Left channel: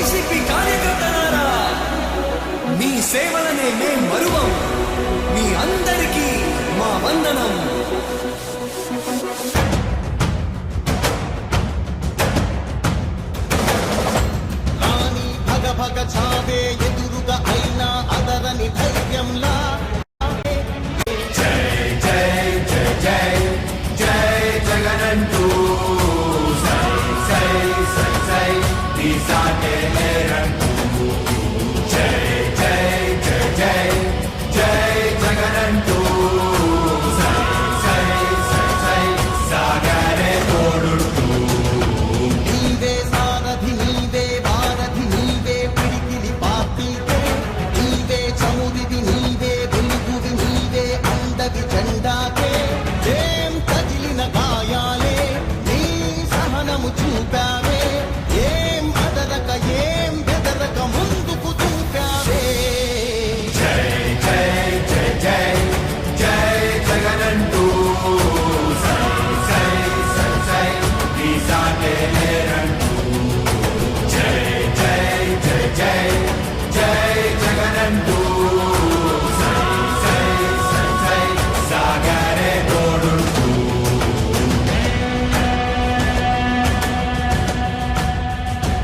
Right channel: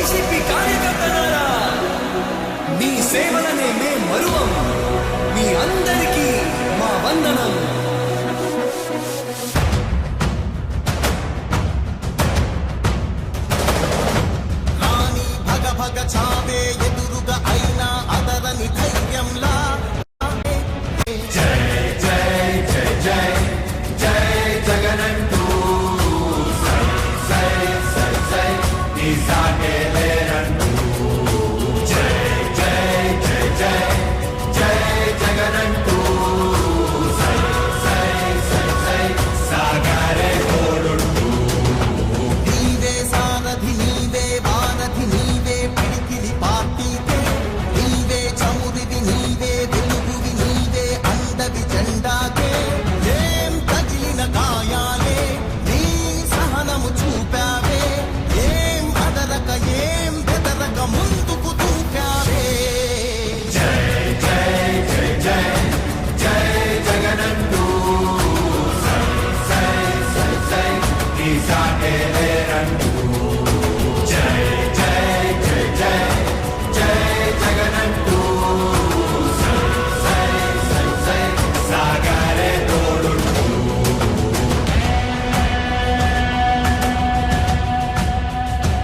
YCP కార్యకర్తలారా, మీ సేవలనే మే మరువం. మీ అందరికీ మా వందనం. రాణి భగ భగ చావే ఎదురుగా అయినా అదరని ధైర్యంలా జెండాకే ఏం తగిలిన గాయాలే నీ సహనము చూపావే, ఏం అదరక ఏం బెదరక ముందుకు చూపావే. జై జై జై జై జై జగనంటూ సై సై సై సై నీ సాటే లేనంటూ. జై జై జై జై జై జగనంటూ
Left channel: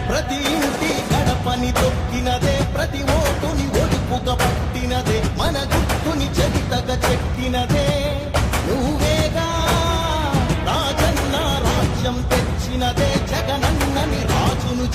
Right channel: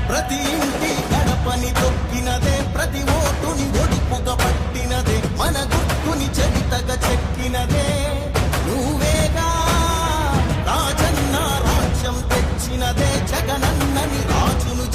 ప్రతి ఇంటి గడపని తొక్కినదే, ప్రతి ఓటుని ఒడుపుగా పట్టినదే, మన గుర్తుని చరితగా చెక్కినదే నువ్వేగా. రాజన్న రాజ్యం తెచ్చినదే, జగనన్నని రాజును